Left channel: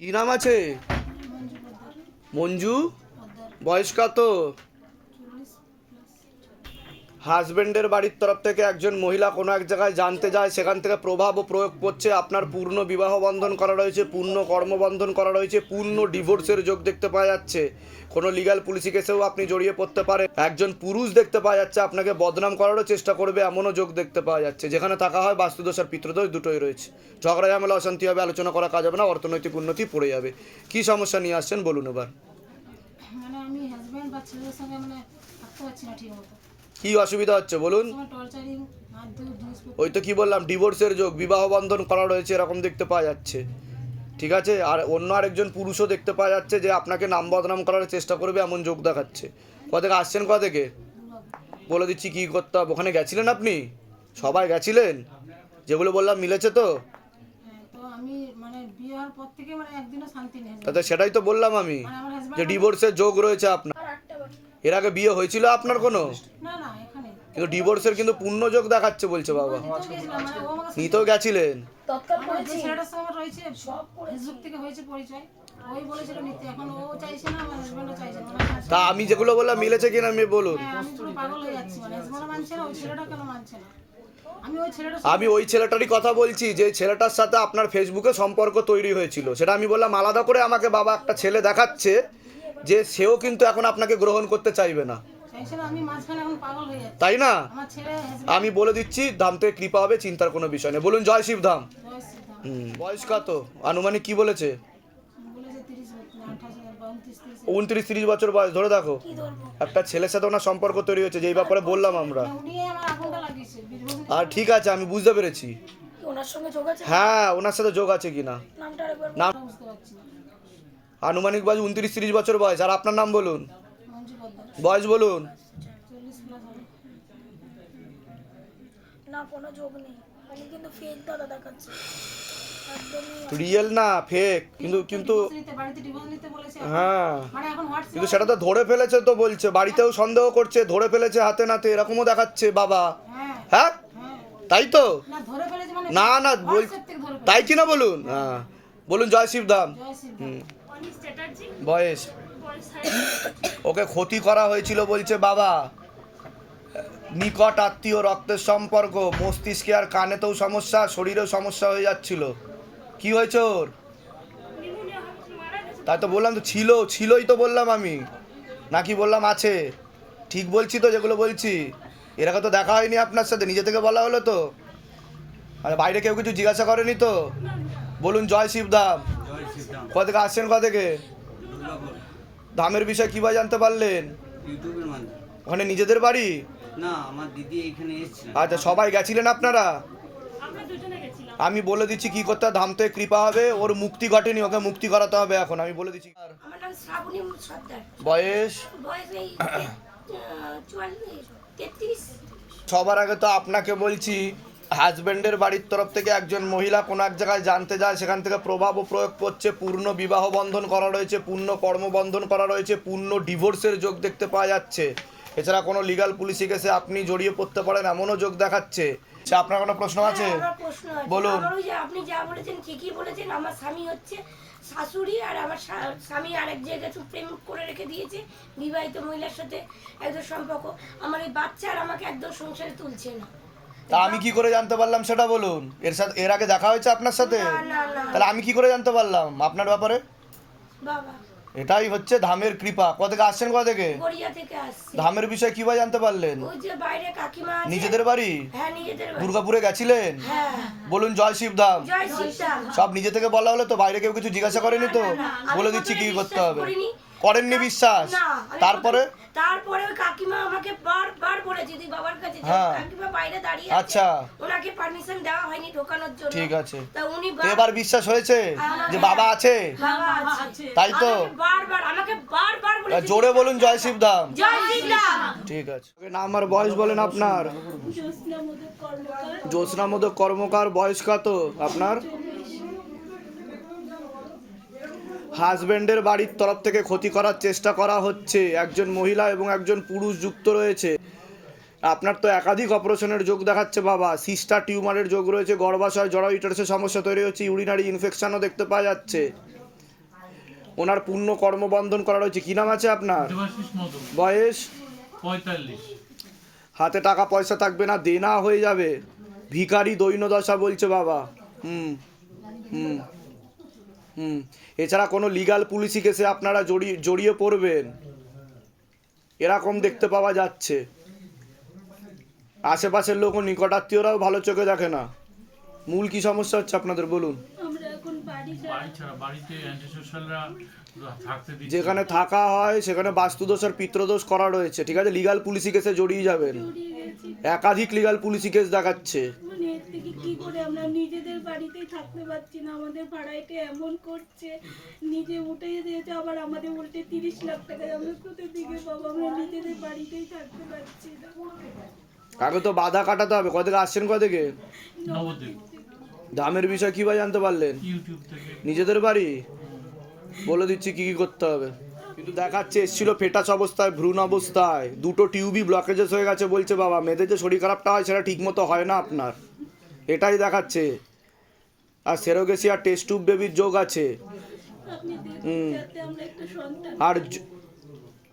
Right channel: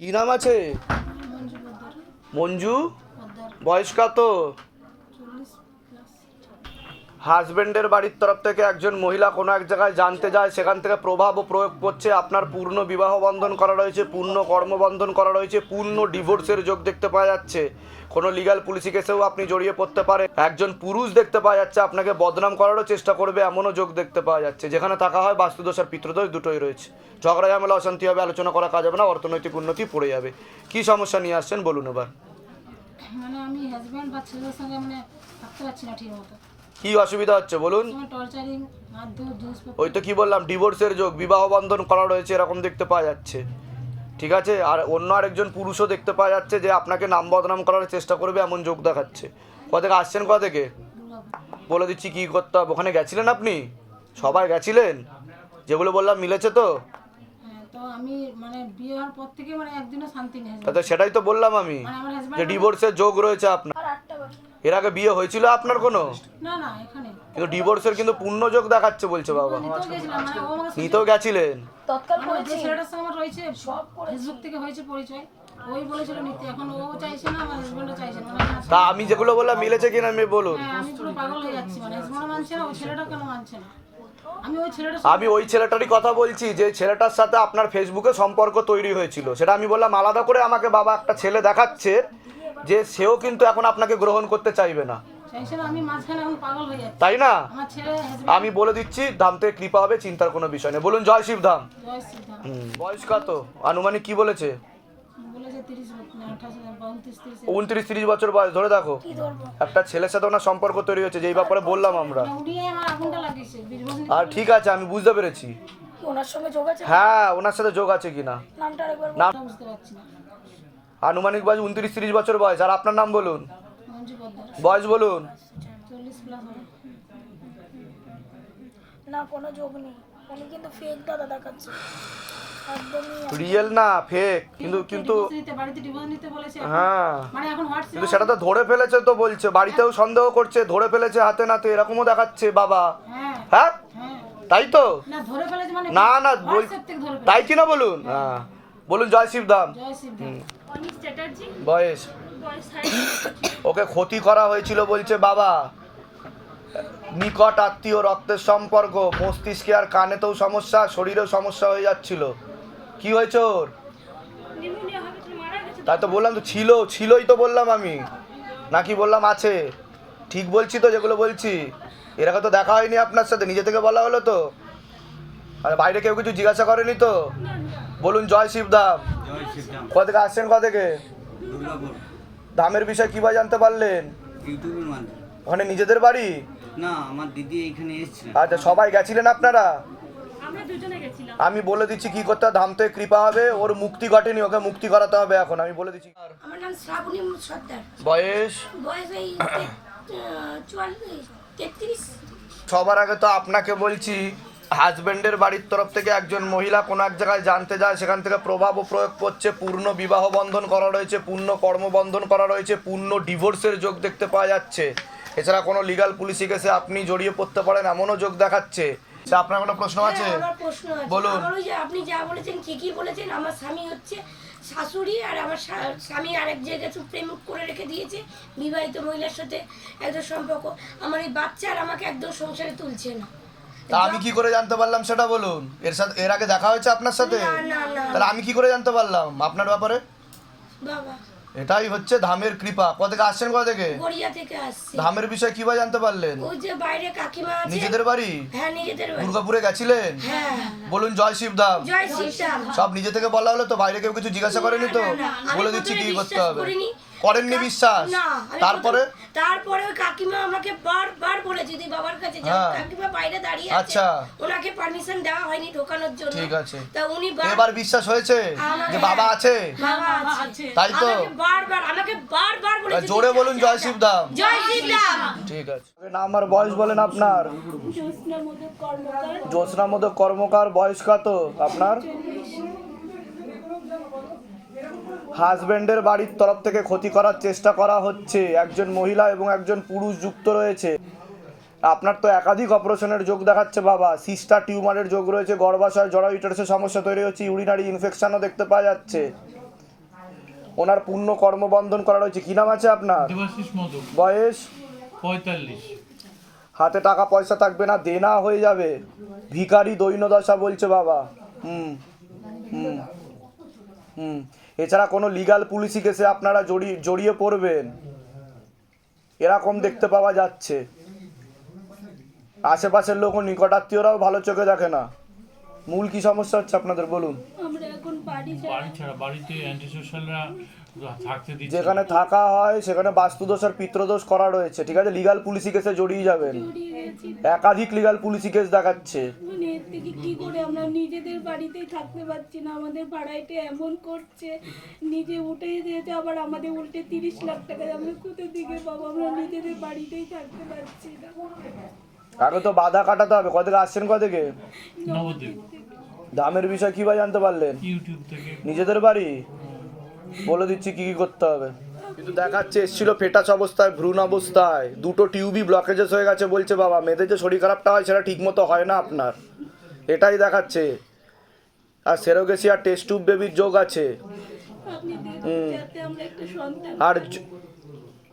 কি নাম আছে? মঞ্জু বয়স কত? হাজবেন্ডের বাড়ির তরফ থেকে একজন মহিলা কোনো এক জায়গায় জানতে যায়, সেখান থেকে প্রভাব ও প্রয়োগ করছে। আপনার পূর্ণ বিবাহ বন্ধন করা রয়েছে, পূর্ণ কর্মবন্ধন করা রয়েছে, পূর্ণ ডিভোর্সের যোগ দেখতে পাওয়া যাচ্ছে। কোনো লিগাল পুলিশি কেসেও আপনি জড়িয়ে পড়তে পারেন। একজন পুরুষ দেখতে পাওয়া যাচ্ছে, আপনাকে বদনাম করারও চেষ্টা করবে, এমনও যোগ দেখতে পাওয়া যাচ্ছে। যেখানে থাকা হয় বাস্তুদোষ আর পিতৃদোষ দুটোই রয়েছে। ঝগড়া, ঝামেলা, অশান্তি হবে, আলোচনা করা কাজ হবে না, অর্থনৈতিক উন্নতি পড়ে যাবে। কি সমস্যা নিয়ে আসছেন বলুন এবার। মানে আমি হাজব্যান্ড বা ছেলের সঙ্গে মানে থাকতে পারছি না ঠিক মতো। কি অসুবিধা হচ্ছে বলুন? ওই তো কি বললাম ডিভোর্সের যোগ বিবাহ বন্ধন করা রয়েছে এরকম দেখতে পাওয়া যাচ্ছে। ঠিক আছে? আর অন্য আরেকজন পুরুষও দেখতে পাওয়া যাচ্ছে যে আপনাকে নাম বদনাম করার চেষ্টা করবে এমন যোগ দেখাচ্ছে। কোথা থেকে আসছেন কোথা থেকে? বলে দিচ্ছি কী করতে হবে। ওখানে গেছিলেন আপনি? সবাই গেছিলেন? যেগুলো বললাম মিলেছে তো? হ্যাঁ মানে মানে সেটাই তো বললাম আমি মানে যে ডিভোর্সের যোগ রয়েছে আপনার। এর আগে বিয়ে হয়েছিল আপনার কোনো? না না এখানে। কিন্তু ডিভোর্সের কিন্তু পূর্ণ যোগ দেখাচ্ছে বলছে বাবা। নিতেও মানে নিতেও গেছিলেন। মানে যে ছেলেটার সঙ্গে আমার রয়েছে ফেসবুক থেকে হয়েছে পরিচয়। ওই বলেছিল নিতে এখন ও চাইছে না আমার হাজব্যান্ডও চাইছে না মানে তা আমি যেগুলো বললাম মিলেছে কিনা আমি বলুন। হ্যাঁ আমি পুরো পাগল হয়ে যাচ্ছি মানে হাজব্যান্ডও মানছে না ওই ছেলেটা কেন মানছে না? আমি ওই ছেলেটার আমি ওই ছেলেটারই কথা বলছি যে ছেলেটার সাথে আপনার ফেসবুকে সম্পর্ক তৈরি হয়েছিল। সেটা আমি বললাম আলাদা করে আমাকে বাবা একটা ছেলে দেখাচ্ছে যে সেও কিন্তু এখন আপনাকে গ্রহণ করতে চাইবে না। হয়ে তাই না? আমার ছেলে হাজব্যান্ড আমি বলে দিচ্ছি ধাম থেকে কৃপা হবে চিন্তার কোনো বিষয় নেই। বলুন জয় শিব ধাম। বয়স কত? আনুমানিক কি বলেছে? উনত্রিশ তিরিশ বছর বয়স ধরে দেখো। একটা ছেলের সাথে ওনার সম্পর্ক তৈরি হচ্ছে যেই ব্যাপারে বললাম আমরা। উনি আমার আগুনটা লাগিয়েছে বীরভূম আর ঠিক আছে আমি বুঝতে পেরেছি। ওনার সঙ্গে যোগ আছে? হ্যাঁ ওনার সাথে যোগ আছে কিনা? নামটা নাম না। আনুমানিক বয়স উনত্রিশ তিরিশ বছর বয়স। আর আপনার নাম বলুন? বয়স বলুন। চল্লিশ প্লাস হবে। না কোনো যোগ নেই। উনি কিন্তু ফেক দাদা দেখাচ্ছে। রিয়েল না ফেক কিন্তু কিন্তু। হ্যাঁ। মানে কিন্তু সেটা তো ধরে ফেলেছে তো বলছে। বাড়িতেও সন্দেহ করছে ধরে ফেলেছে হাতে নাতে। এরকমও দেখাচ্ছে বাবা। হ্যাঁ। হ্যাঁ? হ্যাঁ। তাই তো? না ধরে ফেলেছে মানে না না বল তাই কি না বলুন? হ্যাঁ। বলুন জয় শিবধাম। জয় সিদ্ধ বয়স। ওকে ক্ষতি করা হয়েছিল বলছে বাবা। নিকট আত্মীয় রক্তের সম্পর্ক মস্তিষ্কে আর কানেতেও সমস্যা শরীরেও সমস্যা হয়ে যাচ্ছিল। কি হয়েছে ওর? তাই তো বললাম তো ছিল ছিলই তো বললাম আমি। নাকি বললাম আছে। ঠিক বলছি তো যেগুলো বলছি। এর আগে তো দেখা হয়নি আপনার সাথে নিজে থেকে বলা হলো তো। আর বাইরে কেউ কিছু জিজ্ঞাসা করেনি তো? বলুন জয় শিবধাম। থেকে আসছেন থেকে দামের বিষয়ে কীভাবে জানতে পারলেন? ইউটিউবের মাধ্যমে। ওখানে নিজেদের বাড়ি? না আমার দিদি এখানে আচ্ছা সবাই গেছিলেন আপনারা? আমি বলে দিচ্ছি কি করতে হবে, ধাম থেকে কৃপা হবে ওর মুক্তি ঘটেনি ওকে মুক্তি করাতে হবে এখন আমি বলে দিচ্ছি। বয়স? সবার আগে তো আপনাকে বলছি হাজবেন্ডের বাড়ির তরফ থেকে একজন মহিলা কোনো এক জায়গায় জানতে যায় সেখান থেকে প্রভাব ও প্রয়োগ করছে পূর্ণ বিবাহ বন্ধন করা রয়েছে পূর্ণ কর্মবন্ধন করা রয়েছে পূর্ণ ডিভোর্সের যোগ দেখতে পাওয়া যাচ্ছে। এছাড়া কোনো লিগাল পুলিশি কেসে আপনি জড়িয়ে পড়তে পারেন এমনও যোগ দেখাচ্ছে। আচ্ছা, আপনার কোনো প্রশ্ন আছে? হ্যাঁ, প্রশ্ন বলুন। ওই যে আপনি যা বলেছেন ঠিকই বলেছেন আমার স্বামী হচ্ছে শাশুড়ি আর আমার স্বা- স্বামী আরেক জায়গায় প্রেম করে রেখে দিয়েছে বিবাহিত মহিলার সাথে একদম সম্পর্ক। আমার এই বাচ্চা আর আমাকে একদম সংসারে তুলছে না। তা আমি কি করে জানতে পারলাম সেটা বলুন? এর সাথে এর আগে দেখা হয়েছে আপনার সাথে? তাহলে আমি কি করে জানতে পারলাম আপনার ব্যাপারে? এটাই হচ্ছে ধামের কৃপা। কোথা থেকে আসছেন কোথা থেকে? ধামের বিষয়ে কীভাবে জানতে পারলেন? নিজেদের বাড়ি? হ্যাঁ নিজেদের বাড়ি। দুর্গাপুরে গেছিলেন? হ্যাঁ। বলুন জয় শিব ধাম। সব নিজে থেকে বলা হলো তো বাইরে কেউ কিছু জিজ্ঞাসা করেনি তো? বলে দিচ্ছি কি করতে হবে। করেননি বিশ্বাস? তারপরে? তারপরে ওই কাকিমা আমাকে বারবার বলেছে তুই বাবার কাছে যা হ্যাঁ। কাকিমা বাইরে দাঁড়িয়ে আচ্ছা। আছে ওনাকে পারমিশন দেওয়া হয়নি ঢোকানোর জন্য। ঠিক আছে। তা উনি বার- এবার বিশ্বাস হয়েছে যে বাবা আছে? বাবা আছে। তাই তো? বারবার আমাকে বারবার বলেছে জোরে বলুন জয় শিব ধাম জয় শ্রীরাম ঠিক আছে। নাম আর বয়স বলেন আপনার। জ্যোৎস্না মোদক কর্মকার বয়স কত আপনার? হাজবেন্ডের বাড়ির তরফ থেকে ক্ষতি করার চেষ্টা করা হচ্ছে। একজন মহিলা এবং একজন পুরুষ যুক্ত রয়েছে। আপনার তো একাধিক অপারেশনের যোগ দেখাচ্ছে বাবা। সিস্টার টিউমারের যোগ রয়েছে গর্ভাশয় জড় ইটার্সের সমস্যা তৈরি হচ্ছে ইউরিনারি ইনফেকশনও দেখতে পাওয়া যাচ্ছে। ওনার পূর্ণ কর্মবন্ধন করা রয়েছে। কি নাম আছে আপনার? বয়স? পঁয়তাল্লিশ। হাতে টাকা পয়সা থাকবে না দেনা হয়ে যাবে। ভিখারি দৈন্যদশা বলছে বাবা। হুম হুম হুম। এছাড়া কোনো লিগাল পুলিশি কেসে আপনারা জড়িয়ে জড়িয়ে পড়বেন। এরকম দেখতে পাওয়া যাচ্ছে। আশেপাশের লোক নিকটাত্মীয়রাও ভালো চোখে দেখে না। মূল কি সমস্যা হচ্ছে আপনাদের বলুন? আমরা এখন বাড়ি বাড়ি ছাড়া বাড়িতে অ্যান্টি সোশ্যালরা থাকতে দিচ্ছে। যেখানে থাকা হয় সেখানে বাস্তুদোষ আর পিত্রদোষ করা রয়েছে। ঠিক আছে? লিগাল পুলিশি কেসে জড়িয়ে যাবেন। একাধিক লিগাল পুলিশি কেস দেখাচ্ছে। এর থেকে কি করে আমরা নিজেদের বাড়িতেই থাকতে পারছি না? আমাদের ভাড়াইতে এমন করছে নিজে উঠে দিয়েছে আবার আমাদের উল্টে তিরিশ লাখ টাকা আমরা কোথা থেকে পাবো আমরা নিজেদের বাড়িতেই থাকতে পারছি না। আগে তো বাধা কাটাতে হবে। কত থেকে আসছেন কত থেকে দামের বিষয় কীভাবে জানতে পারলেন? নিজেদের বাড়ি? বলে দিচ্ছি কি কি করতে হবে। কিন্তু দেখাচ্ছে এসেছিল ফেটাস অবস্থায় ভ্রূণ অবস্থায়। দুটো টিউবই ব্লকেজেস হয়ে গেছে বলছে বাবা। মেয়েদের যে শরীর খারাপটা হয় সেটা ঠিকমতো হয় না আপনার। এটাই দেখাচ্ছে। আর সেরোগেসিয়া টেস্ট টিউব বেবির যোগ আছে। আপনি দিন যাতে আমরা একটা সন্তান। আর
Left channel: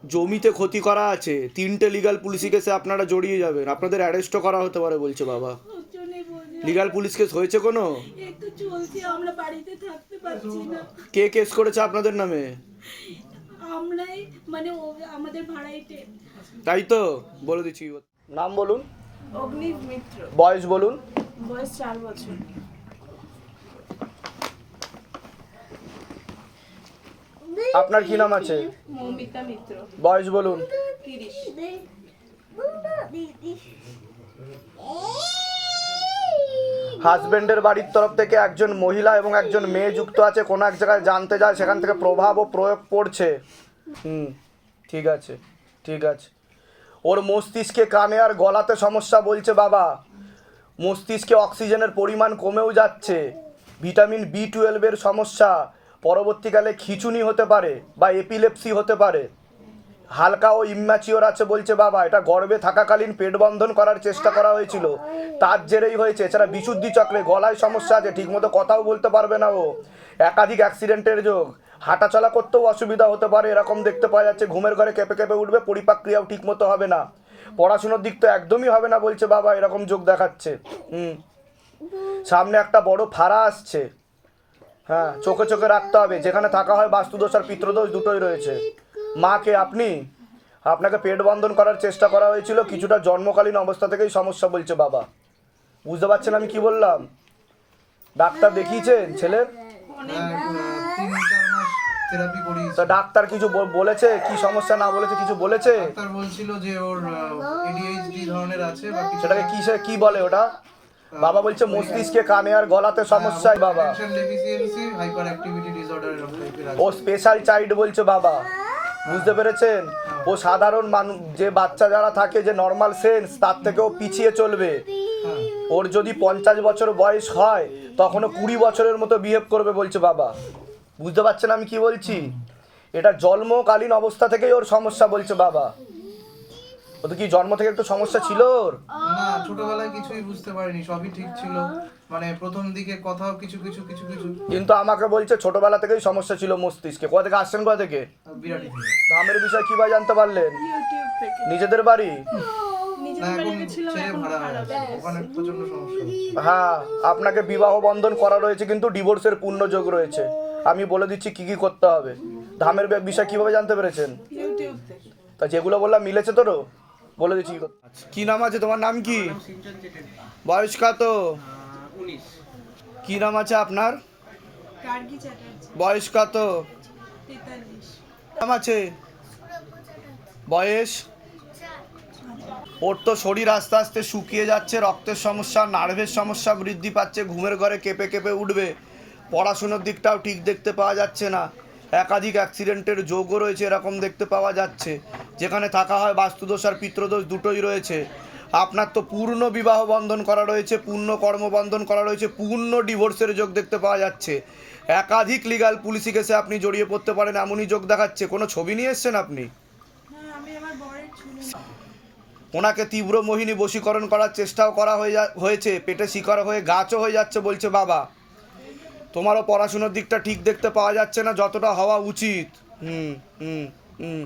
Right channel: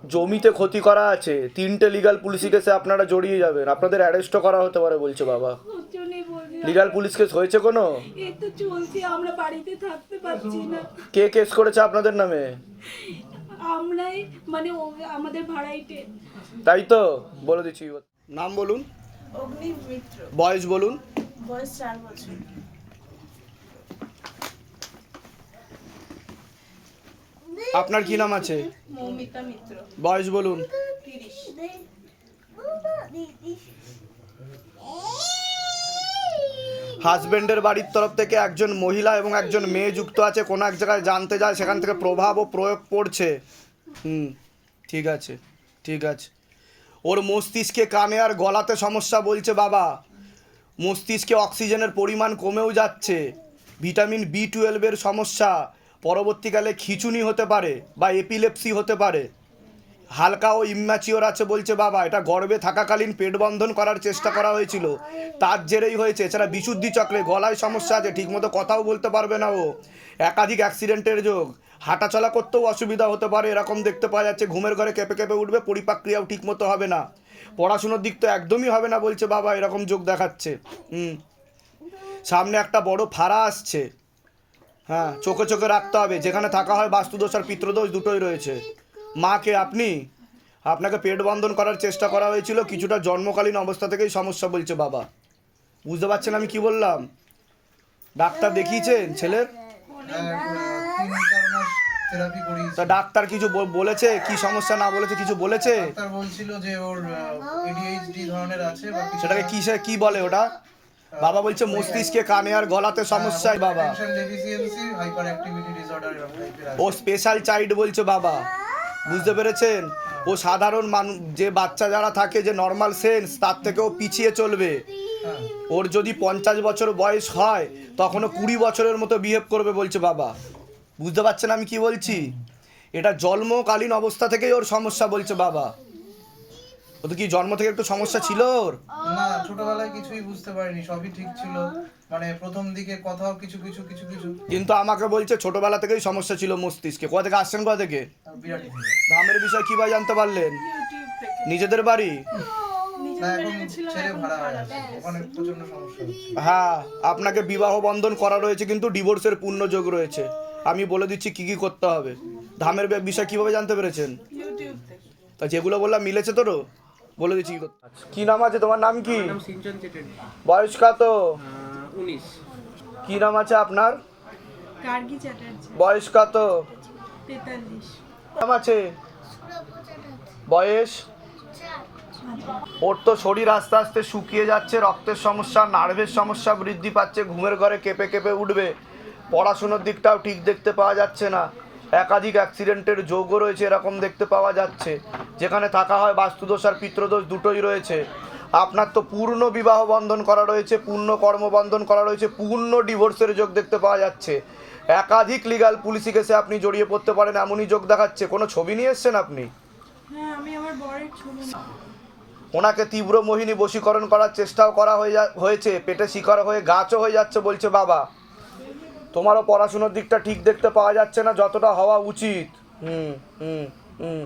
জমিতে ক্ষতি করা আছে। তিনটে লিগাল পুলিশি কেসে আপনারা জড়িয়ে যাবেন। আপনাদের অ্যারেস্টও করা হতে পারে বলছে বাবা। লিগাল পুলিশ কেস হয়েছে কোনো? এই তো চলছে আমরা বাড়িতে থাকতে পারছি না। কে কেস করেছে আপনাদের নামে? আমরাই মানে আমাদের ভাড়াইতে তাই তো? বলে দিচ্ছি। নাম বলুন। অগ্নি মিত্র বয়স বলুন। বয়স চার বছর। আপনার কি নাম আছে? মৌমিতা মিত্র। বয়স বলুন। তিরিশ। হাজবেন্ডের বাড়ির তরফ থেকে একজন মহিলা এবং একজন মেয়ে যুক্ত আছে কোনো এক জায়গায় জানতে যায় সেখান থেকে প্রভাব ও প্রয়োগ পড়ছে। হুম ঠিক আছে ঠিক আছে। ওর মস্তিষ্কে কানে আর গলাতে সমস্যা বলছে বাবা। মস্তিষ্কে অক্সিজেনের পরিমাণ কমেও যাচ্ছে। ভিটামিন বি টুয়েলভের সমস্যা পরবর্তীকালে খিচুনি হতে পারে বা এপিলেপসি হতে পারে। হালকা ও ইম্যাচিওর আছে বলছে বাবা, এটা গর্বে থাকাকালীন পেট বন্ধন করার চেষ্টা করা হয়েছিল। তার জেরেই হয়েছে, এছাড়া বিশুদ্ধি চক্রে গলায় সমস্যা আছে, ঠিকমতো কথাও বলতে পারবে না ও। একাধিক অ্যাক্সিডেন্টের যোগ। হাঁটাচলা করতেও অসুবিধা হতে পারে, এরকম দেখতে পাওয়া যাচ্ছে, ঘুমের ঘরে কেঁপে কেঁপে উঠবে পরিপাক্রিয়াও ঠিকমতো হবে না। পড়াশোনার দিক তো একদমই হবে না বলছে বাবা, এরকম যোগ দেখাচ্ছে। হুম। সামনে একটা বড় ফাড়া আসছে। হ্যাঁ চোখে চোখে রাখতে হবে। যেখানে থাকা হয় বাস্তুদোষ আর পিত্রদোষ দুটোই রয়েছে। মাকে আপনি? আপনাকে পেট বন্ধন করার চেষ্টা করা হয়েছিল, কিছুটা জন্মকালীন অবস্থা থেকেই সমস্যা বলছে বাবা। বুঝতে পারছেন আমি কি বললাম? ডাক্তার দেখিয়েছেন ছেলের চার মাস থেরাপি করিয়েছি। তা ডাক্তার কিছু বলেছে? কি সমস্যা না বলেছে? কিছু বলেছে? ডাক্তার বলছিল যে ওর এডিএইচডি ধরনের আছে বা সেটাকে কিসে কি বলে ওটা? বাবা বলছে মস্তিষ্কে কানে আর গলাতে সমস্যাই বাবা। হাইপার অ্যাক্টিভিটি ডিসঅর্ডার ও স্পেশাল চাইল্ড বলছে বাবা। বুঝতে পেরেছেন? ও সাধারণ মানুষ যে বাচ্চা যারা থাকে যে নর্মাল সেন্স তার থেকেও পিছিয়ে চলবে। হ্যাঁ। ওর যদি পঞ্চাশ বছর বয়স হয় তখনও কুড়ি বছরের মতো বিহেভ করবে বলছে বাবা। বুঝতে পারছেন আমি কি বলছি? এটা জন্মকালীন অবস্থা থেকেই ওর সমস্যা বলছে বাবা। ও তো কি জন্ম থেকে একটু সমস্যা ছিল ওর? না ছোটবেলায় কিছুই বুঝতে পারিনি সবই ঠিক ছিল। মানে প্রথম দিকে কথাও কিছু কিছু কিছু কিছু। কিন্তু আমাকে বলছে ছোটবেলা থেকেই সমস্যা ছিল মস্তিষ্কে। কোথা থেকে আসছেন কোথা থেকে? বিরাটি ধামের বিষয় কীভাবে জানতে পারলেন? নিজেদের বাড়ি? হয়ে। হ্যাঁ আপনাকে বিবাহ বন্ধন করা রয়েছে কিন্তু ডিভোর্সের পূর্ণ যোগ রয়েছে। আমি বলে দিচ্ছি কি কি করতে হবে। ধামের বিষয় কীভাবে জানতে পেরেছেন? তা যেগুলো বললাম মিলেছে তোরও? বলে দিচ্ছি কি করতে- কি নাম আছে তোমার? নাম কি? বয়স কত? কি নাম আছে আপনার? বয়স কত? নাম আছে? বয়স? ওর তো শরীর আস্তে আস্তে শুকিয়ে যাচ্ছে রক্তের সমস্যা নার্ভের সমস্যা বৃদ্ধি পাচ্ছে ঘুমের ঘরে কেঁপে কেঁপে উঠবে। পড়াশুনোর দিকটাও ঠিক দেখতে পাওয়া যাচ্ছে না। একাধিক অ্যাক্সিডেন্টের যোগও রয়েছে এরকম দেখতে পাওয়া যাচ্ছে। যেখানে থাকা হয় বাস্তুদোষ আর পিত্রদোষ দুটোই রয়েছে। আপনার তো পূর্ণ বিবাহ বন্ধন করা রয়েছে পূর্ণ কর্মবন্ধন করা রয়েছে পূর্ণ ডিভোর্সের যোগ দেখতে পাওয়া যাচ্ছে। একাধিক লিগাল পুলিশি কেসে আপনি জড়িয়ে পড়তে পারেন এমনই যোগ দেখাচ্ছে। কোনো ছবি নিয়ে এসছেন আপনি? হ্যাঁ ওনাকে তীব্র মোহিনী বশীকরণ করার চেষ্টাও করা হয়ে যা হয়েছে। পেটে শিকার হয়ে গাছও হয়ে যাচ্ছে বলছে বাবা। তোমারও পড়াশুনোর দিকটা ঠিক দেখতে পাওয়া যাচ্ছে না, যতটা হওয়া উচিত। হুম হুম হুম।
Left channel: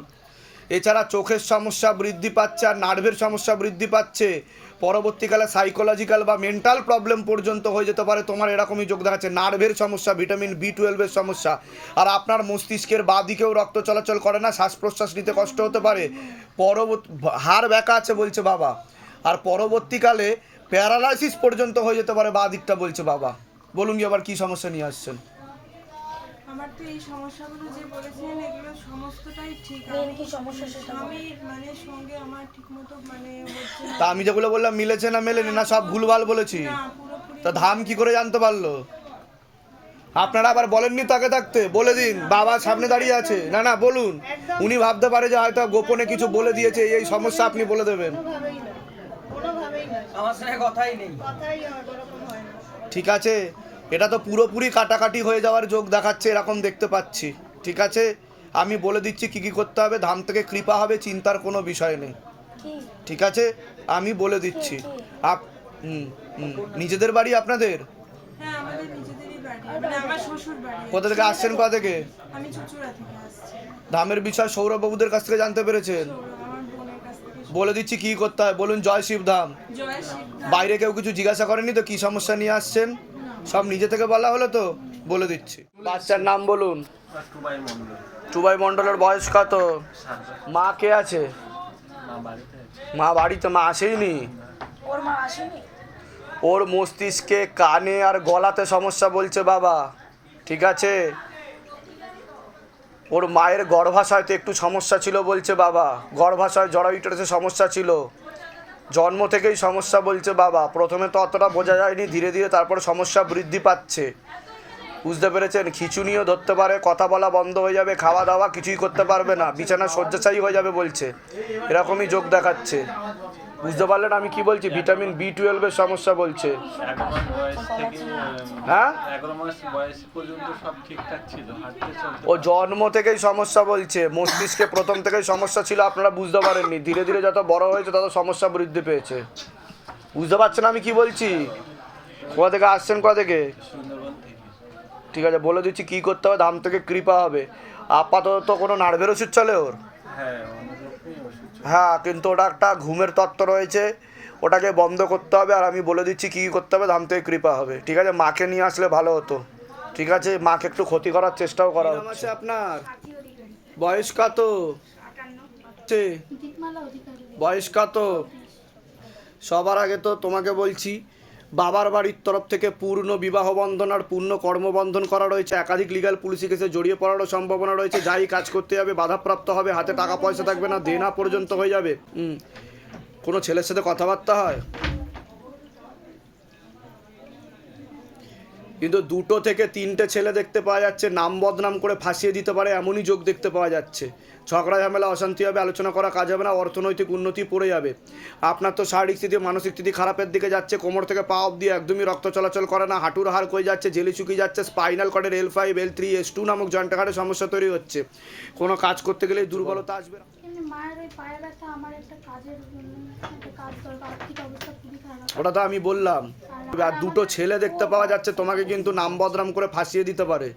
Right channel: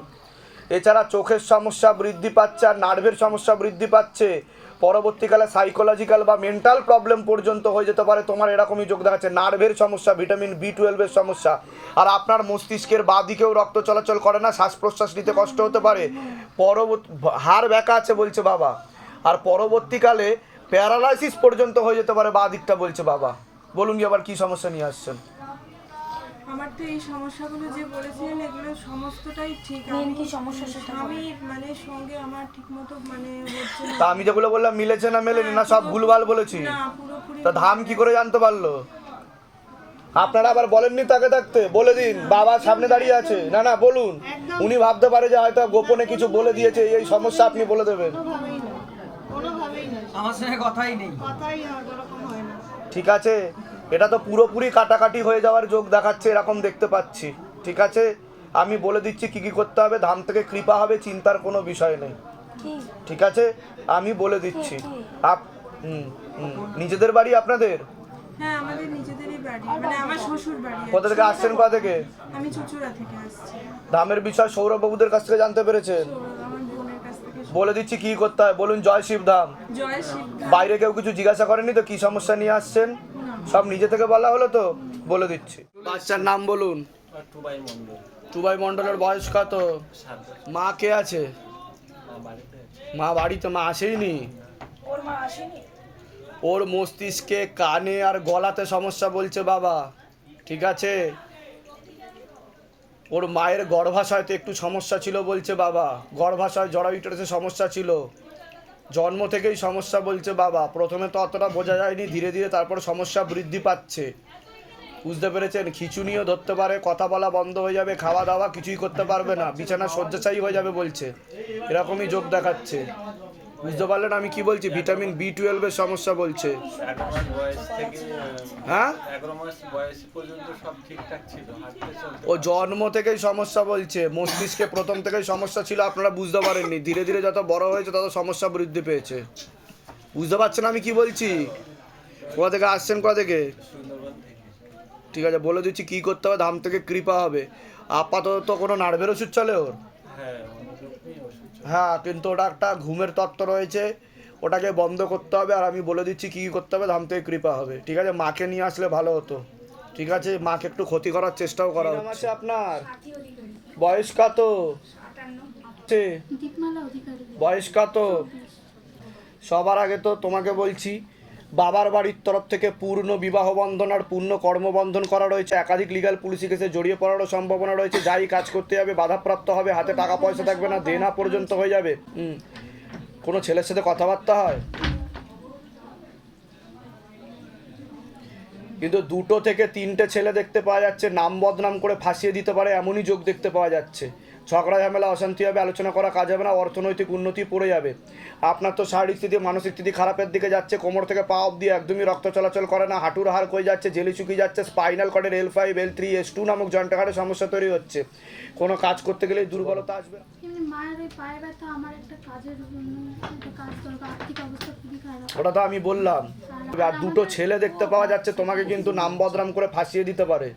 এছাড়া চোখের সমস্যা বৃদ্ধি পাচ্ছে আর নার্ভের সমস্যা বৃদ্ধি পাচ্ছে। পরবর্তীকালে সাইকোলজিক্যাল বা মেন্টাল প্রবলেম পর্যন্ত হয়ে যেতে পারে, তোমার এরকমই যোগ দেখাচ্ছে। নার্ভের সমস্যা ভিটামিন বি টুয়েলভের সমস্যা। আর আপনার মস্তিষ্কের বাঁ দিকেও রক্ত চলাচল করে না শ্বাস প্রশ্বাস নিতে কষ্ট হতে পারে। পরবর্তী, হাড় ব্যাকা আছে বলছে বাবা। আর পরবর্তীকালে প্যারালাইসিস পর্যন্ত হয়ে যেতে পারে, বাঁ দিকটা বলছে বাবা। বলুন কি আবার কি সমস্যা নিয়ে আসছেন? আমার তো এই সমস্যাগুলো যে বলেছিলেন এগুলো সমস্তটাই ঠিক। মেন কি সমস্যা সেটা আমি মানে সঙ্গে আমার ঠিকমতো মানে হচ্ছে না। তা আমি যেগুলো বললাম মিলেছে না মেলেনি? না সব ভুলভাল বলেছি। না পুরোপুরি তা ধাম কি করে জানতে পারল? আপনারা আবার বলেননি তাকে থাকতে বলে দিন বাবা সামনে দাঁড়িয়ে আছে। না না বলুন। উনি ভাবতে পারে যে হয়তো গোপনে কিছু বলে দিয়েছে এই সমস্যা আপনি বলে দেবেন। কোনোভাবেই না আমার সঙ্গে কথাই নেই। কথাই ওরকম হয় না। ঠিক আছে? এটা তো পুরোপুরি কাটাকাটি হয়ে যাওয়ার যোগ দেখাচ্ছে এরকম দেখতে পাচ্ছি। ঠিক আছে? আমি বলে দিচ্ছি কি কি করতে হবে ধাম থেকে কৃপা হবে চিন্তার কোনো বিষয় নেই। ঠিক আছে? আমি বলে দিচ্ছি। আপ নিজেদের বাড়ি আপনাদের? হ্যাঁ আমাদের নিজেদেরই বাড়ি। মানে আমার শ্বশুর বাড়ি কোথা থেকে আসছেন কোথা থেকে? আমি চুচুড়া থেকে আসছি। ধামের বিষয় সৌরভবাবুদের কাছ থেকে জানতে পেরেছেন তো আমার বোনের কাছ থেকে বলে দিচ্ছি কি করতে হয়। বলুন জয় শিব ধাম বাইরে কেউ কিছু জিজ্ঞাসা করেনি তো? কি সমস্যা নিয়ে আসছেন? সব নিজে থেকে বলা হলো তো? বলে দিচ্ছি। বাচ্চার নাম বলুন। টুবাই মণ্ডলের বয়স কত? মা কে আছে? মা বাড়িতে মা আসেইনি? মা আসেনি। ওর মস্তিষ্কে কানে আর গলাতে সমস্যা বলছে বাবা। ঠিক আছে? ওর মায়ের গর্ভাশয়তে একটু সমস্যা ছিল বলছে বাবা। গর্ভাশয় জরায়ুটাতে সমস্যা ছিল। জন্ম থেকেই সমস্যা বলছে বাবা। প্রথমে তো অতটা বোঝা যায়নি, ধীরে ধীরে তারপর সমস্যা বৃদ্ধি পাচ্ছে। বুঝতে পেরেছেন? খিচুনিও ধরতে পারে, কথা বলা বন্ধ হয়ে যাবে খাওয়া দাওয়া কিছুই করতে পারবে না, বিছানা শয্যাশায়ী হয়ে যাবে বলছে। এরকমই যোগ দেখাচ্ছে। বুঝতে পারলেন আমি কি বলছি? ভিটামিন বি টুয়েলভের সমস্যা বলছে। হ্যাঁ? ও জন্ম থেকেই সমস্যা বলছে। মস্তিষ্কে প্রথম থেকেই সমস্যা ছিল, আপনারা বুঝতে পারেননি। ধীরে ধীরে যত বড় হয়েছে, তত সমস্যা বৃদ্ধি পেয়েছে। বুঝতে পারছেন আমি কি বলছি? কোথা থেকে আসছেন, কোথা থেকে? ঠিক আছে বলে দিচ্ছি কি করতে হবে ধাম থেকে কৃপা হবে। আপাতত কোনো নার্ভের ওষুধ চলে ওর? হ্যাঁ হ্যাঁ কিন্তু ওটা একটা ঘুমের তত্ত্ব রয়েছে ওটাকে বন্ধ করতে হবে আর আমি বলে দিচ্ছি কী কী করতে হবে ধাম থেকে কৃপা হবে। ঠিক আছে মাকে নিয়ে আসলে ভালো হতো। ঠিক আছে মাকে একটু ক্ষতি করার চেষ্টাও করা হচ্ছে। আপনার? বয়স কত? বয়স কত? সবার আগে তো তোমাকে বলছি বাবার বাড়ির তরফ থেকে পূর্ণ বিবাহ বন্ধন আর পূর্ণ কর্মবন্ধন করা রয়েছে। একাধিক লিগাল পুলিশি কেসে জড়িয়ে পড়ারও সম্ভাবনা রয়েছে। যাই কাজ করতে যাবে, বাধাপ্রাপ্ত হবে, হাতে টাকা পয়সা থাকবে না, দেনা পর্যন্ত হয়ে যাবে। কোনো ছেলের সাথে কথাবার্তা হয়? কিন্তু দুটো থেকে তিনটে ছেলে দেখতে পাওয়া যাচ্ছে, নাম বদনাম করে ফাঁসিয়ে দিতে পারে, এমনই যোগ দেখতে পাওয়া যাচ্ছে। ঝগড়া ঝামেলা অশান্তি হবে আলোচনা করা কাজ হবে না অর্থনৈতিক উন্নতি পড়ে যাবে। আপনার তো শারীরিক স্থিতি মানসিক স্থিতি খারাপের দিকে যাচ্ছে কোমর থেকে পা অব্দি একদমই রক্ত চলাচল করে না হাঁটুর হাড় কয়ে যাচ্ছে জেলি চুকি যাচ্ছে spinal কর্ডের L five L three S two নামক জয়েন্টাঘাটের সমস্যা তৈরি হচ্ছে। কোনো কাজ করতে গেলে দুর্বলতা আসবে ওটা তো আমি বললাম। আর দুটো ছেলে দেখতে পাওয়া যাচ্ছে তোমাকে কিন্তু নাম বদনাম করে ফাঁসিয়ে দিতে পারে।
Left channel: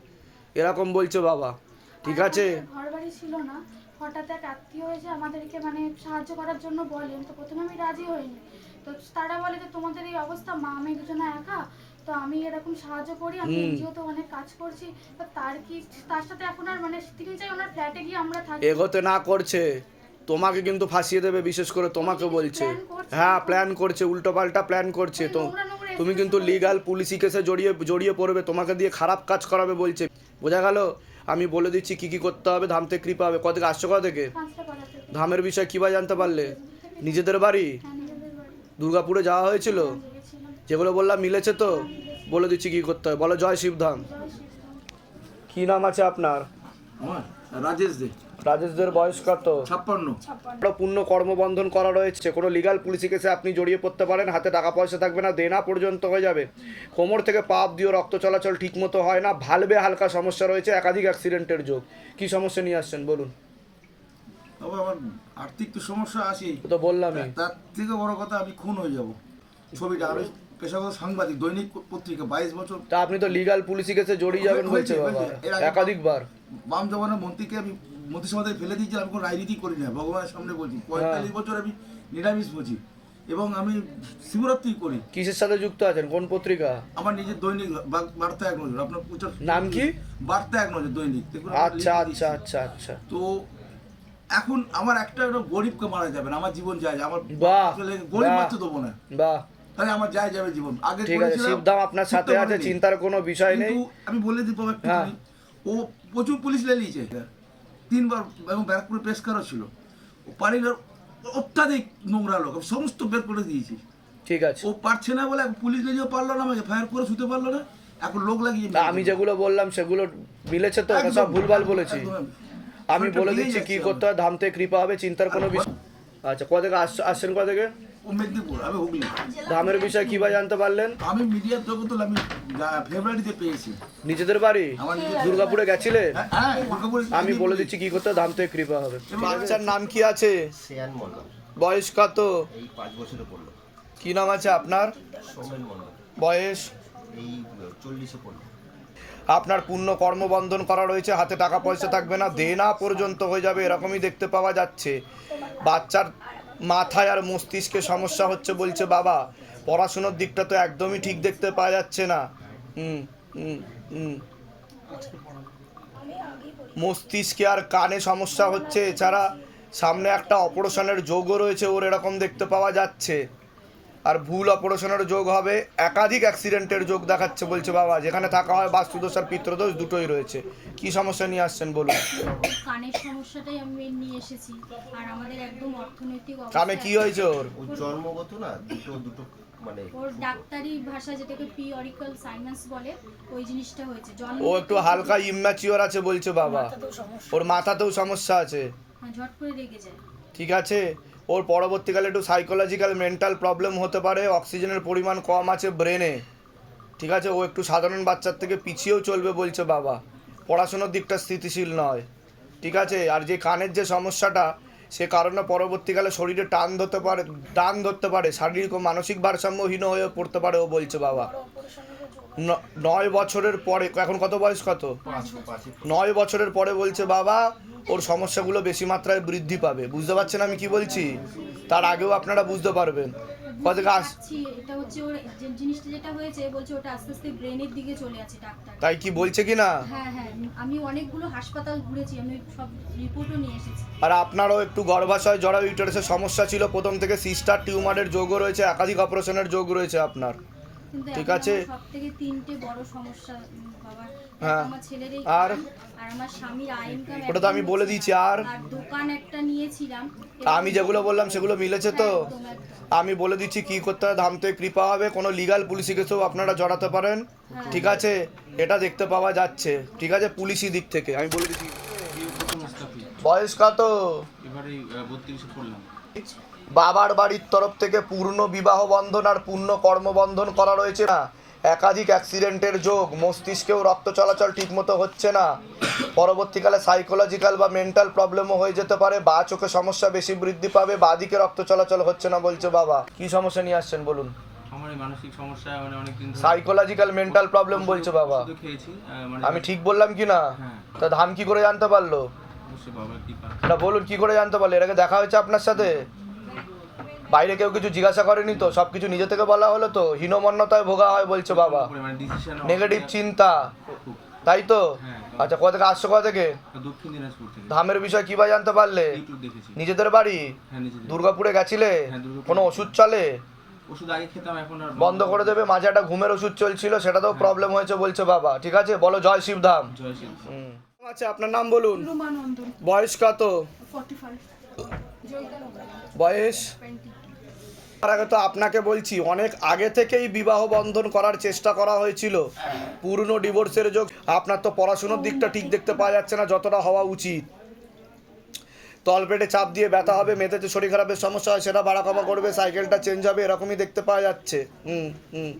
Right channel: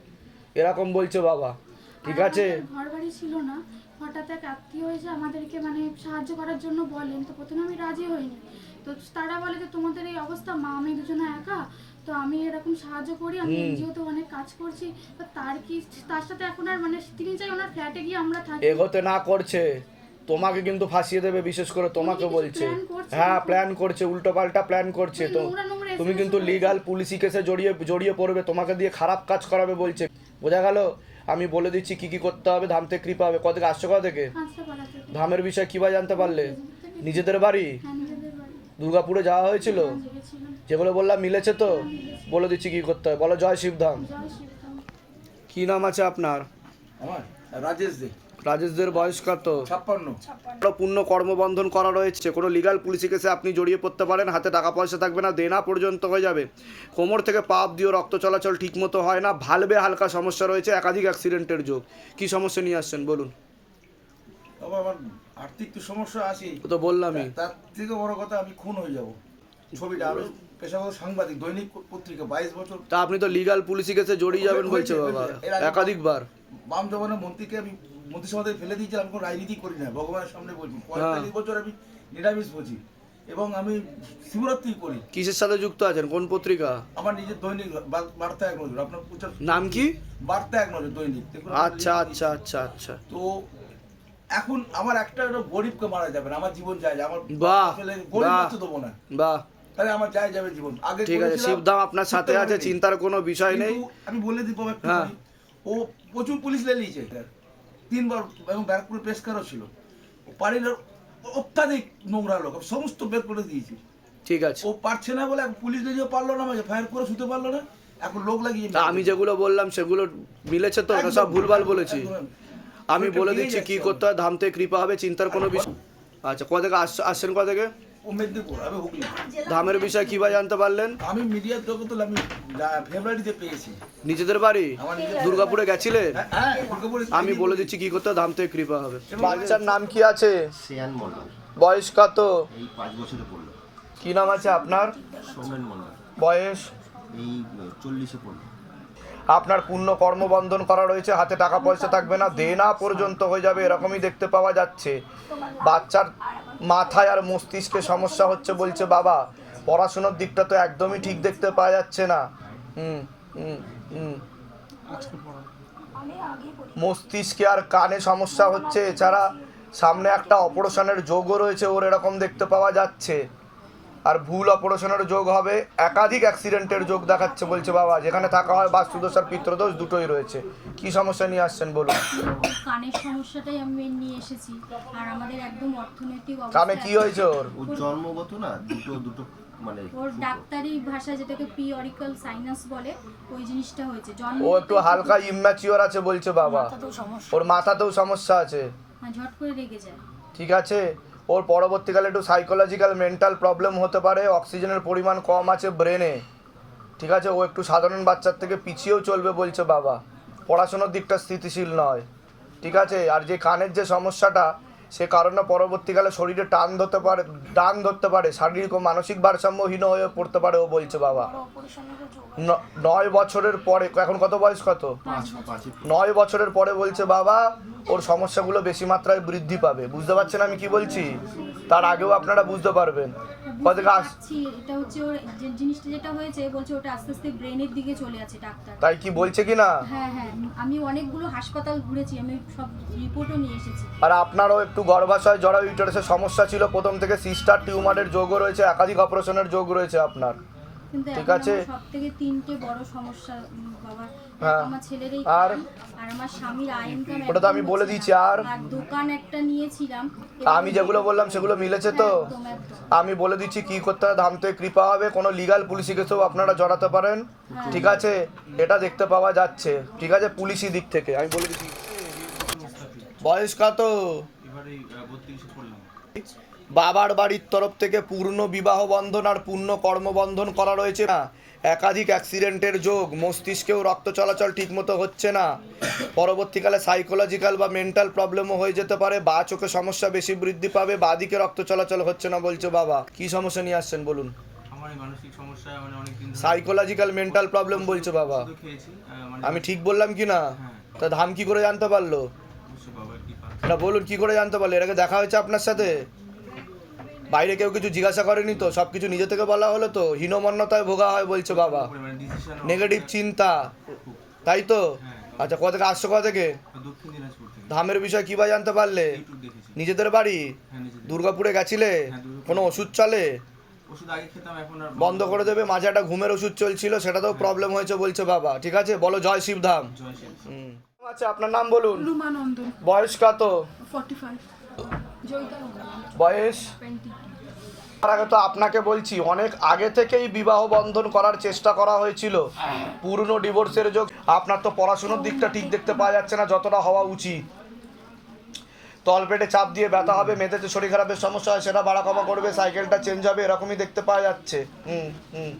এরকম বলছে বাবা। ঠিক আছে? ঘর বাড়ি ছিল না হঠাৎ এক আত্মীয় এসে আমাদেরকে মানে সাহায্য করার জন্য বলেন তো প্রথমে আমি রাজি হইনি। তো তারা বলে যে তোমাদের এই অবস্থা মা আমি দুজনে একা তো আমি এরকম সাহায্য করি আমি এনজিও তো অনেক কাজ করছি তো তার কি তার সাথে এখন আর মানে তিনি চাই ওনার ফ্ল্যাটে গিয়ে আমরা থাকি। এগোতে না করছে। তোমাকে কিন্তু ফাঁসিয়ে দেবে বিশেষ করে তোমাকে বলছে। হ্যাঁ প্ল্যান করছে উল্টো পাল্টা প্ল্যান করছে। তো তুমি কিন্তু লিগাল পুলিশি কেসে জড়িয়ে জড়িয়ে পড়বে তোমাকে দিয়ে খারাপ কাজ করাবে বলছে। বোঝা গেল? আমি বলে দিচ্ছি কি কি করতে হবে ধাম থেকে কৃপা হবে। কত থেকে আসছো কোথা থেকে? ধামের বিষয়ে কীভাবে জানতে পারলে? নিজেদের বাড়ি। হ্যাঁ নিজেদের বাড়ি। দুর্গাপুরে যাওয়া হয়েছিল? যেগুলো বললাম মিলেছে তো? বলে দিচ্ছি কি করতে হবে। বলো জয় শিবধাম। ধাম শিবধাম। কি নাম আছে আপনার? রাজেশ দে। রাজেশদের বয়স কত? ছাপ্পান্ন। পূর্ণ কর্মবন্ধন করা রয়েছে? কোনো লিগাল পুলিশি কেসে আপনি জড়িয়ে পড়তে পারেন? হাতে টাকা পয়সা থাকবে না দেনা পর্যন্ত হয়ে যাবে। কোমর থেকে পাপ দিয়ে রক্ত চলাচল ঠিকমতো হয় না ভালবে হালকা সমস্যা রয়েছে একাধিক অ্যাক্সিডেন্টের যোগ। কি সমস্যা নিয়ে আসছেন বলুন। আমার আর্থিক তো সমস্যা আছে। তো বললামই। তার থেকে বড় কথা আমি খুন হয়ে যাব। ছবিটা আমি পেশাগত সাংবাদিক দৈনিক পত্রিকা বাইশ বছর তা আপনি তো লিগাল পুলিশি কেসে জড়িয়ে যাবেন বলছে হয়েছে, বাবা একাধিকবার। বাম জমানার মন্ত্রীকে আমি মন্ত্রিসভাতে ফেলে দিয়েছি আমি কোনো রাজনীতি করি না ভগবানের সামনে বলছি। পঁয়তাল্লিশ বছর আমি নিরামিষ বলছি এবং আমি শিবরাত্রি করি। কিসের সাথে যুক্ত আছেন? কোন পত্রিকা? আমার নিজের দৈনিক বার্তা এক নজর আপনার প্রচার নাম কি? বার্তা এক নজর দৈনিক। আচ্ছা আচ্ছা আচ্ছা আচ্ছা। তো এখন আমার একটা একটা গরিবকে মারা যাবে না আমার জীবন যায় আমার আসলে গরিব। মারতে দেবো না। বাহ। তাহলে আমার যায় যাবে জীবন। আগে ঠিক আছে শিবধাম আপনার সাথে আছে চিন্তার কোনো বিষয় নেই। আমি বলে দিব একটু হ্যাঁ। ও প্রচুর পুলিশ লেলিয়েছে তিনবার এবং ব্যারাকপুরে প্রেস কারও ছিল। ও পারিল অত্যাধিক নোংরা লোক সমস্ত বের করে দিয়েছি। ঠিক আছে। ও পারছে না বলে পুলিশ লেলিয়ে পারল না আমাকে ফায়ার করে শুতে পারল না এখন লোক লাগিয়ে আমি যেগুলো বললাম সেগুলো মিলেছে তো? সব ভুলভাল বলেছি। আমি বলে দিচ্ছি কি করতে হয় ধামতে কৃপা হবে চিন্তার কোনো বিষয় আচ্ছা কোথা থেকে আস- আসছেন কোথা থেকে? ও মেদিনীপুর আমি হুগলি। ধামের বিষয়ে কীভাবে জানতে পারলেন? আমি মিডিয়ার আমি ফেব্রুয়ারিতে পেয়েছি। নিজেদের বাড়ি? আমার দুর্গাপুরে গেছিলে? হ্যাঁ, হ্যাঁ আমি বলে দিচ্ছি কি করতে হয় ধামতে কৃপা হবে। বাচ্চার নাম কি আছে? শ্রেয়ান মন্ডল বয়স কত? এই পাঁচ বছরে পড়ল। কি নাম আছে আপনার? সৌমেন মন্ডল বয়স? এই চল্লিশে পড়ল। আপনার পূর্ণ কর্মবন্ধন করা রয়েছে হাতে টাকা পয়সা থাকবে না দেনা পর্যন্ত হয়ে যাবে এরকমই দেখতে পাওয়া যাচ্ছে। বাচ্চার মাথায় আর মস্তিষ্কে সমস্যা হচ্ছে বলছে বাবা। পড়াশোনার দিকটা তো একদমই ঠিক দেখতে পাওয়া যাচ্ছে না। হুম হুম হুম। মস্তিষ্কে আর কানে সমস্যা হচ্ছে। এছাড়া সামনে একটা অপারেশনের যোগও রয়েছে ওর এরকম দেখতে পাওয়া যাচ্ছে। আর ভুল অপারেশনের যোগ হবে। একাধিক অ্যাক্সিডেন্টের যোগ দেখাচ্ছে বলছে বাবা। যেখানে থাকা হয় বাস্তুদোষ আর পিত্রদোষ দুটোই রয়েছে। কি সমস্যা নিয়ে আসছেন বলুন? কানের সমস্যাটাই আমি নিয়ে এসেছি। আর আমাদের একদম অর্থনৈতিক কানে কি হয়েছে ওর? জন্মগত না দুটো দুটো মানে ওর ডাক্তারি ভাষা যেটাকে সাইনাস বলে ওই জিনিসটা হয়েছে। জন্ম ও একটু হালকা ইম্যাচিওর আছে বলছে বাবা। ওর মাথাতেও সমস্যা আছে। হ্যাঁ, ঝট করে রেগে যায়। ঠিক আছে? ওর পরবর্তীকালে একটু সাইকোলজিক্যাল মেন্টাল প্রবলেম হতে পারে অক্সিজেনের পরিমাণ কম আছে ব্রেনে ঠিক আছে, ও একটু সাধারণ বাচ্চার থেকে পিছিয়েও চলবে বলছে বাবা। পড়াশোনার দিকটা স্থিতিশীল নয়। ঠিক আছে, আর যে কানের যে সমস্যাটা সে কারণে পরবর্তীকালে শরীরে টান ধরতে পারে টান ধরতে পারে শারীরিক ও মানসিক ভারসাম্যহীন হয়ে পড়তে পারে ও বলছে বাবা। ন- নয় বছরের পরে এখন কত বয়স কত? নয় বছরের পরে বলছে বাবা ওর সমস্যাগুলো বেশি মাত্রায় বৃদ্ধি পাবে। বুঝতে পারছেন আমি কি বলছি? তার আগেও আপনারা বুঝতে পারবেন। বুঝতে পারছি এটা হচ্ছে ওর যে জিনিসটা যেটা হয়েছে বলছে ওটা আস্তে আস্তে ব্রেনের দিকে চলে আছে ডাক্তার। তাই কি বলছে কি না? হ্যাঁ হ্যাঁ আমি অনেকগুলো হাসপাতাল ঘুরেছি আমি সব রিপোর্টও নিয়ে এসেছি। আর আপনারও একটু গর্ভাশয় জড়া ইউটারাসের সমস্যা ছিল প্রথম থেকে সিস্টার টিউমারের যোগও রয়েছে একাধিক অপারেশনের যোগ রয়েছে আপনার। কিন্তু ঠিক আছে। সব থেকে তিনটে বড় সমস্যা বাবার। হ্যাঁ। আমার ছেলের এই আর? আর আমার স্বামীর আয় ইনকাম ওটা তো আমি বলে দিয়েছি, আর? দোকান একটা নিয়েছিলাম। আমি যেগুলো বললাম সেগুলো মিলেছে তো? আমি বলে দিচ্ছি কি করতে হয় ধামতে কৃপা হবে। কোনো লিগাল পুলিশি কেসেও আপনারা জড়াতে পারেন। ঠিক আছে? এটা দেখতে পাওয়া যাচ্ছে। ঠিক আছে? পুলিশি দিক থেকে। আমি বলে দিচ্ছি। বয়স কত? এবারে বত্রিশে পড়লাম। বাবার বাড়ির তরফ থেকে পূর্ণ বিবাহ বন্ধন আর পূর্ণ কর্মবন্ধন করা রয়েছে। না একাধিক অ্যাক্সিডেন্টের যোগ মস্তিষ্কেও রক্ত চলাচল ঠিকমতো হচ্ছে না। পরবর্তীকালে সাইকোলজিক্যাল বা মেন্টাল প্রবলেমও হয়ে যেতে পারে। বা চোখে সমস্যা বেশি বৃদ্ধি পাবে বা দিকে রক্ত চলাচল হচ্ছে না বলছে বাবা। কি সমস্যা নিয়ে আসছেন বলুন? মানসিক সমস্যা মানে সাইকোলজিক্যাল মেন্টাল প্রবলেম বলছে বাবা। মানে আমি ঠিক বললাম কি না? হ্যাঁ। তা ধাম কি করে জানতে পারল? না বলুন কি করে জানতে পারল? এর আগে দেখা হয়েছে আপনার সাথে? বাইরে কেউ কিছু জিজ্ঞাসা করেনি তো সব কিছু নিজে থেকে বলা হলো তো? হীনমন্যতায় ভোগা হয় বলছে বাবা। মানে নেগেটিভ চিন্তা। তাই তো? আচ্ছা কোথা থেকে আসছো কোথা থেকে? দক্ষিণ দিনাজপুর থেকে। ধামের বিষয় কি বা জানতে পারলে? নিজেদের বাড়ি? হ্যাঁ দুর্গাপুরে গেছিলে? হ্যাঁ, কোনো ওষুধ চলে? ওষুধ আগে খেতাম এখন আর বন্ধ করে দেবে মাঝে একটা ঘুমের ওষুধ চলছিল সেটাতেও প্রবলেম হয়েছে বলছে বাবা। ঠিক আছে? বলো জয় শিবধাম আচ্ছা আপনার নাম বলুন। বয়স কত? ফর্টি ফাইভ বয়স? তার আগে তো আপনাকে বলছি, অনেক আগে থেকেই বিবাহ বন্ধন করার চেষ্টা করা হয়েছিল। পুরনো ডিভোর্সের যোগ, আপনার তো পড়াশুনোর দিকটা ঠিক দেখতে পাওয়া যাচ্ছে না, যতটা হওয়া উচিত। তলপেটে চাপ দিয়ে ব্যথা হবে মেয়েদের শরীর খারাপের সমস্যা হয়, সেটা বাড়া কমা করবে, সাইকেলটা চেঞ্জ হবে, এরকমই দেখতে পাওয়া যাচ্ছে। হুম হুম।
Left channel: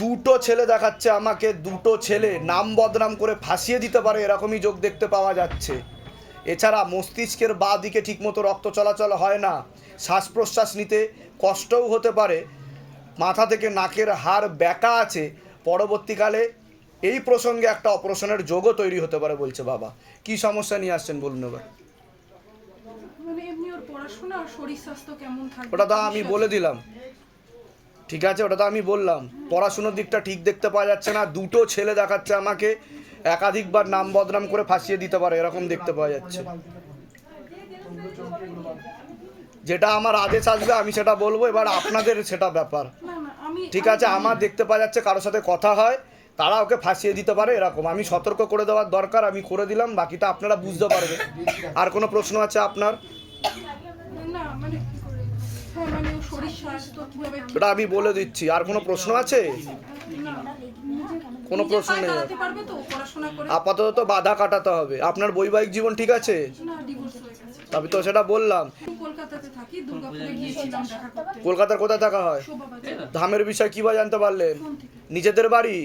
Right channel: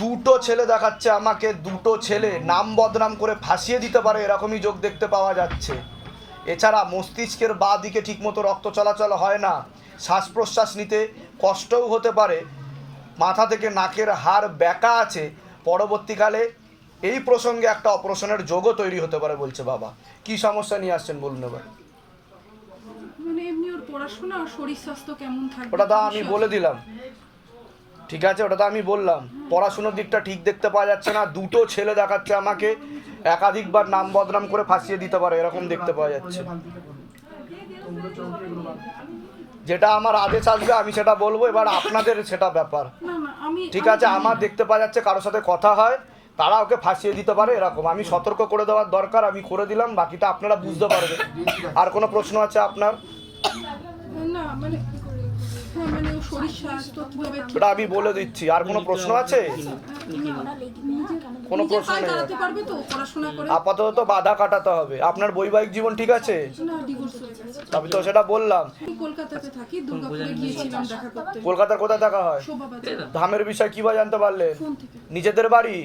দুটো ছেলে দেখাচ্ছে আমাকে, দুটো ছেলে নাম বদনাম করে ফাঁসিয়ে দিতে পারে, এরকমই যোগ দেখতে পাওয়া যাচ্ছে। এছাড়া মস্তিষ্কের বা দিকে ঠিকমতো রক্ত চলাচল হয় না। শ্বাস প্রশ্বাস নিতে কষ্টও হতে পারে। মাথা থেকে নাকের হাড় ব্যাকা আছে। পরবর্তীকালে এই প্রসঙ্গে একটা অপারেশনের যোগও তৈরি হতে পারে বলছে বাবা। কি সমস্যা নিয়ে আসছেন বলুন এবার। মানে ওটা তো আমি বলে দিলাম। ঠিক আছে ওটা তো আমি বললাম। পড়াশুনোর দিকটা ঠিক দেখতে পাওয়া যাচ্ছে না। দুটো ছেলে দেখাচ্ছে আমাকে। একাধিকবার নাম বদনাম করে ফাঁসিয়ে দিতে পারে এরকম দেখতে পাওয়া যাচ্ছে। যেটা আমার আদেশ আসবে আমি সেটা বলব এবার আপনাদের সেটা ব্যাপার। ঠিক আছে আমার দেখতে পাওয়া যাচ্ছে কারোর সাথে কথা হয় তারা ওকে ফাঁসিয়ে দিতে পারে এরকম। আমি সতর্ক করে দেওয়ার দরকার আমি করে দিলাম বাকিটা আপনারা বুঝতে পারবেন। আর কোনো প্রশ্ন আছে আপনার? না মানে এটা আমি বলে দিচ্ছি। আর কোনো প্রশ্ন আছে? কোনো প্রশ্ন নেই। আপাতত তো বাধা কাটাতে হবে। আপনার বৈবাহিক জীবন ঠিক আছে? আমি তো সেটা বললাম। কলকাতার কোথায় থাকা হয়? ধামের বিষয় কীভাবে জানতে পারলেন? নিজেদের বাড়ি?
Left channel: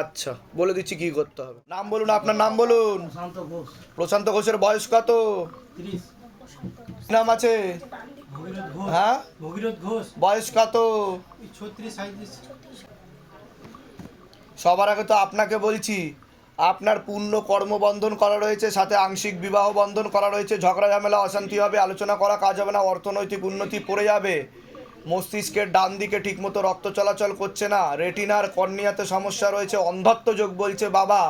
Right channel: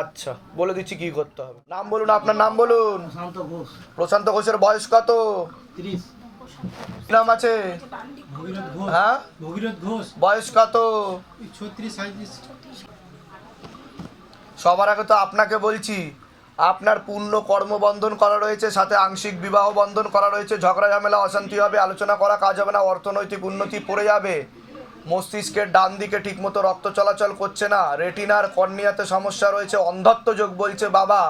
আচ্ছা বলে দিচ্ছি কি করতে হবে। নাম বলুন আপনার নাম বলুন। ঘোষ। প্রশান্ত ঘোষের বয়স কত? তিরিশ। কি নাম আছে? হ্যাঁ? ভগীরথ ঘোষ। বয়স কত? ছত্রিশ সবার আগে তো আপনাকে বলছি আপনার পূর্ণ কর্মবন্ধন করা রয়েছে সাথে আংশিক বিবাহ বন্ধন করা রয়েছে ঝগড়া ঝামেলা অশান্তি হবে আলোচনা করা কাজ হবে না অর্থনৈতিক উন্নতি পড়ে যাবে মস্তিষ্কের ডান দিকে ঠিকমতো রক্ত চলাচল করছে না রেটিনার কর্নিয়াতে সমস্যা রয়েছে অন্ধত্ব যোগ বলছে বাবা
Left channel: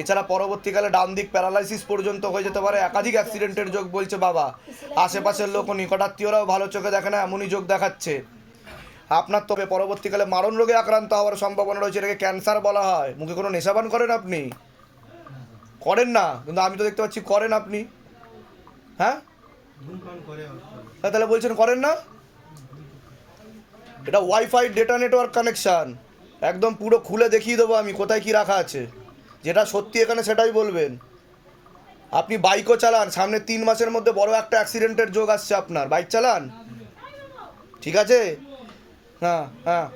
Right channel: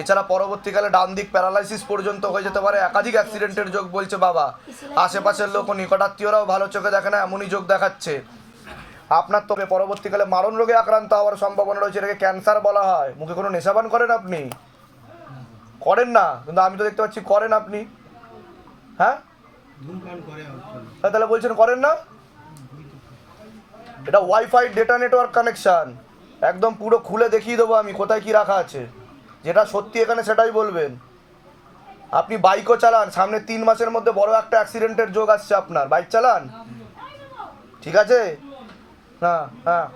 এছাড়া পরবর্তীকালে ডান দিক প্যারালাইসিস পর্যন্ত হয়ে যেতে পারে। একাধিক অ্যাক্সিডেন্টের যোগ বলছে বাবা। আশেপাশের লোক ও নিকটাত্মীয়রাও ভালো চোখে দেখে না, এমনই যোগ দেখাচ্ছে। আপনার তবে পরবর্তীকালে মারণ রোগে আক্রান্ত হওয়ার সম্ভাবনা রয়েছে, এটাকে ক্যান্সার বলা হয়। মুখে কোনো নেশাবান করেন আপনি? করেন না, কিন্তু আমি তো দেখতে পাচ্ছি করেন আপনি। হ্যাঁ? তাহলে বলছেন করেন না? এটা ওয়াইফাই ডেটা নেটওয়ার্ক কানেকশান একদম পুরো খুলে দেখিয়ে দেবো আমি, কোথায় কি রাখা আছে। যেটা সত্যি এখানে সেটাই বলবেন। আপনি বাইকও চালান সামনে তিন মাসের মধ্যে বড় একটা অ্যাক্সিডেন্টের যোগ আসছে আপনার। বাইক চালান? ঠিক আছে? হ্যাঁ হ্যাঁ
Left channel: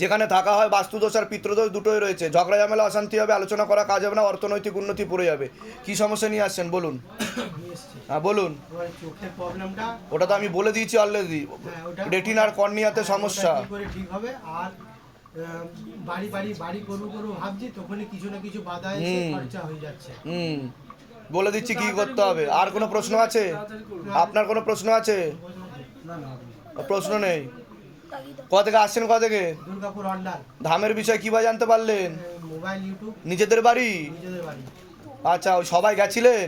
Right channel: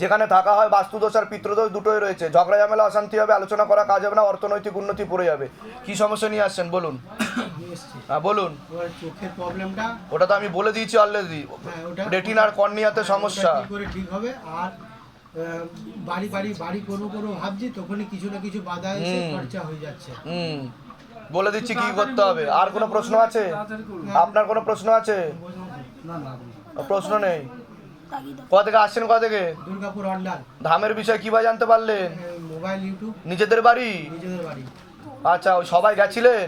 যেখানে থাকা হয় বাস্তুদোষ আর পিতৃদোষ দুটোই রয়েছে। ঝগড়া ঝামেলা অশান্তি হবে আলোচনা করা কাজ হবে না অর্থনৈতিক উন্নতি পড়ে যাবে। কি সমস্যা নিয়ে আসছেন? বলুন। হ্যাঁ বলুন। চোখের প্রবলেমটা ওটা তো আমি বলে দিয়েছি অলরেডি রেটিনার কর্নিয়াতে সমস্যা। ঠিক হবে? আর বাড়ি বাড়ি বাড়ি করব করব ভাবছি তখনই কিছু না কিছু বাধা এসে। খরচা হয়ে যাচ্ছে। হুম। বলে দিচ্ছি কি করতে হবে? আর কোনো প্রশ্ন আছে? আপনার কোনো প্রশ্ন আছে? প্রশ্ন নেই। কোথা থেকে আসছেন কোথা থেকে? দুর্গাপুর হন্ডাল ধামের বিষয় কীভাবে জানতে পারলেন? Mobile YouTube. নিজেদের বাড়ি? নিজেদের বাড়ি। আচ্ছা ওই সবাই গেছিলেন?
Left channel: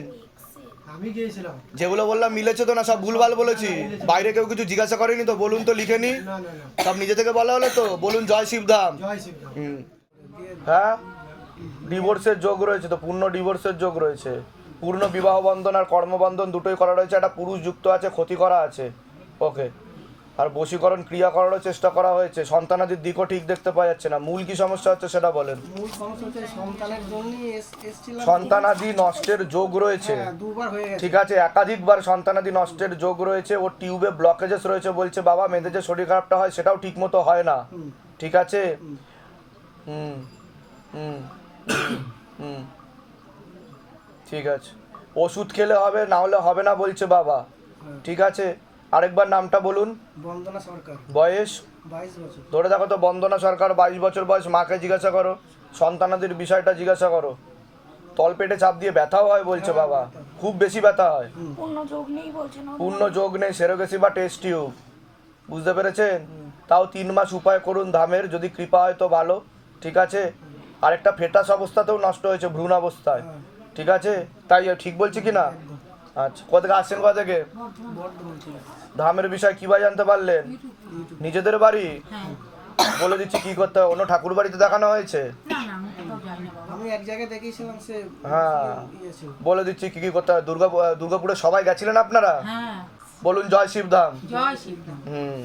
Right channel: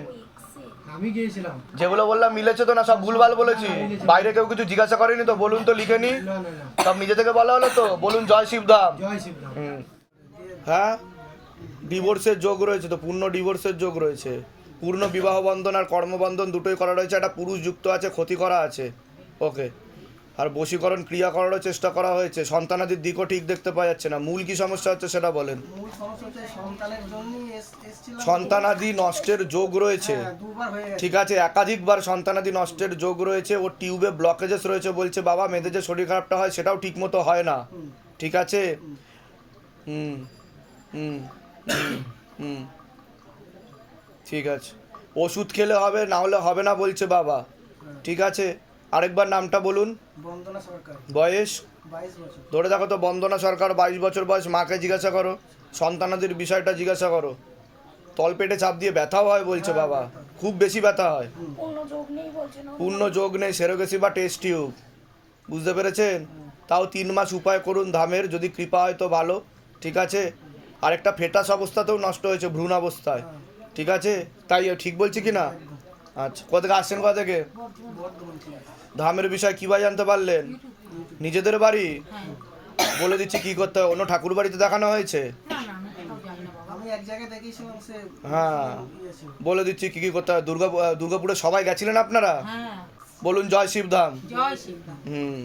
আমি গিয়েছিলাম। যেগুলো বললাম মিলেছে তো না সব ভুলভাল বলেছি। বাইরে কেউ কিছু জিজ্ঞাসা করেনি তো বলুন তো লিখে নি। সব নিজে থেকে বলা হলো তো বলুন জয় শিবধাম। জয় শিবরাম হুম। হ্যাঁ? ডিভোর্সের যোগ রয়েছে তো পূর্ণ ডিভোর্সের যোগ রয়েছে। পূর্ণ বিবাহ বন্ধন আর কর্মবন্ধন দুটোই করা রয়েছে একটা পুরুষ যুক্ত আছে ক্ষতি করা আছে। ওকে। আর বশীকরণ ক্রিয়া করারও চেষ্টা করা হয়েছে। সন্তানাদির দিকও ঠিক দেখতে পাওয়া যাচ্ছে না। মূল কি সমস্যা হচ্ছে সেটা বলেন। মূল সমস্যা হচ্ছে সন্তানের জন্যই এসেছিলাম। সন্তানাদি নষ্টের যোগ রয়েছে। হ্যাঁ, দুবার হয়ে গেছে। ঠিক আছে একাধিকবার সন্তানাদি নষ্টের যোগ রয়েছে। ওর টিউবে ব্লকেজেস রয়েছে বলছে বাবা মেয়েদের যে শরীর খারাপটা হয় সেটাও ঠিক মতো হয় না। ঠিক আছে? হুম। হুম হুম, হুম ঠিক আছে। ওষুধ খেলে হবে না হলে হবে না বলছে বাবা। ঠিক আছে? আরেকবার নামটা বলুন। বন্দনা সরকার। বয়স? বাইশ বছর। ধরে দেখো তো বন্দনা সরকার বাইশ বছর বয়স মাকে জিজ্ঞাসা করো। সন্তানাদের বিষয়টা জিজ্ঞাসা করো। তলপেটে চাপ দিয়ে ব্যথাও হয় বলছে বাবা। খুব বেশি ব্যথা হয়। পূর্ণ যোগ নেই বলছে না। পূর্ণ যোগ নেই সেরোগেসি বা টেস্ট টিউব বুঝতে পেরেছেন? তাও তিন মাস উপায় করুন ধামের যদি কৃপা হয় তো ভালো। ঠিক আছে? আরেকটা ফেটাস অবস্থাতেও নষ্ট হয়েছে ভ্রূণ অবস্থায়। ঠিক আছে? তাই ঠিক বলছি কি না? আচ্ছা কোথা থেকে আসছেন কোথা থেকে? ধামের বিষয় কীভাবে জানতে পারলেন? নিজেদের বাড়ি? বলে দিচ্ছি কি করতে হবে অন্য ঠাকুর বাড়িতে দেখানো হয়েছে? হ্যাঁ ইয়ে বলে দিচ্ছি কি কি করতে হবে দুর্গা দুর্গাপুরে সবাই গেছিলেন আপনারা? হ্যাঁ। বলুন জয় শিবধাম। হুম।